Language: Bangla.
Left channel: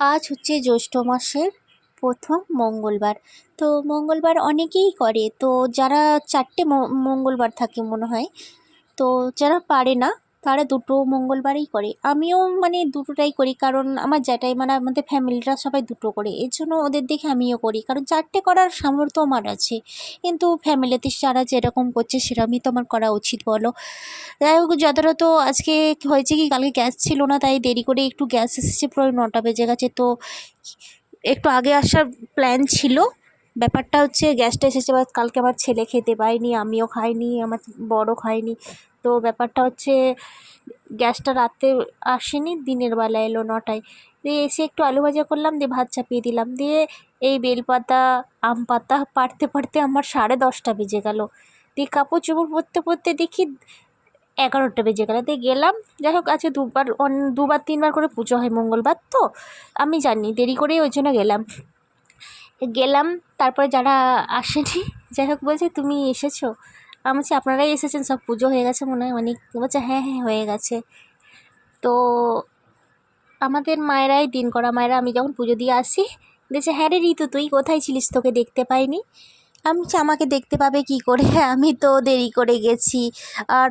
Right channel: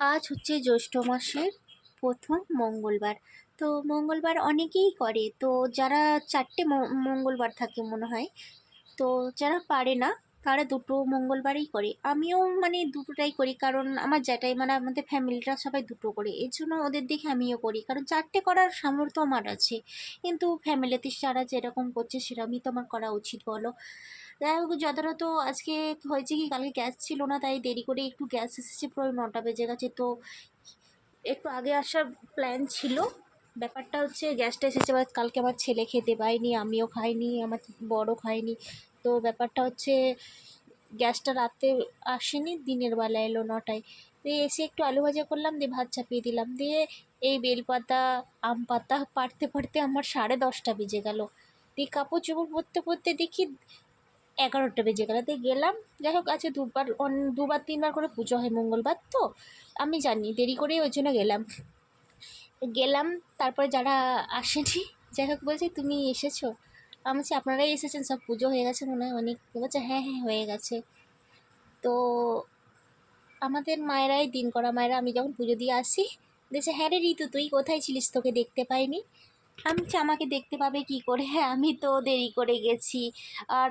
আজ হচ্ছে জ্যৈষ্ঠ মাসের প্রথম মঙ্গলবার। তো মঙ্গলবার অনেকেই করে, তো যারা চারটে মঙ্গলবার থাকে মনে হয়, তো যারা পারে না তারা দুটো মঙ্গলবারই করে। আমিও মানে দুটোটাই করি, কারণ আমার জ্যাঠাই মানে আমাদের ফ্যামিলিটা সবাই দুটো করে, এর জন্য ওদের দেখে আমিও করি, কারণ চারটে করার সামর্থ্য আমার আছে। কিন্তু ফ্যামিলিতে যারা যেরকম করছে সেরকমই তো আমার করা উচিত, বলো? যাই হোক, যতটা তো আজকে হয়েছে কি, কালকে গ্যাস ছিল না তাই দেরি করে একটু গ্যাস এসেছে, প্রায় 9টা বেজে গেছে। তো একটু আগে আসার প্ল্যান ছিল। ব্যাপারটা হচ্ছে গ্যাসটা এসেছে, বা কালকে আমার ছেলে খেতে পায়নি, আমিও খাইনি, আমার বড় খায়নি। তো ব্যাপারটা হচ্ছে গ্যাসটা রাতে আসেনি, দিনের বেলা এলো 9টায়। দিয়ে এসে একটু আলু ভাজা করলাম, দিয়ে ভাত চাপিয়ে দিলাম, দিয়ে এই বেলপাতা আম পাতা পাড়তে পাড়তে আমার 10:30 বেজে গেল। দিয়ে কাপড় চোপড় পরতে পরতে দেখি 11টা বেজে গেল। দিয়ে গেলাম, যাই হোক আজকে দুবার তিনবার করে পুজো হয় মঙ্গলবার, তো আমি জানি দেরি করেই ওই জন্য গেলাম। তারপরে যারা আসেনি, যাই হোক বলছে তুমি এসেছো? আমি বলছি আপনারাই এসেছেন, সব পুজো হয়ে গেছে মনে হয় অনেক। বলছে হ্যাঁ হ্যাঁ হয়ে গেছে। তো আমাদের মায়েরাই দিন করা মায়েরা, আমি যখন পুজো দিয়ে আসি বলছে হ্যাঁ রে ঋতু তুই কোথায় ছিলিস, তোকে দেখতে পাইনি। আমি বলছি আমাকে দেখতে পাবে কি করে, আমি তো দেরি করে গেছি। আর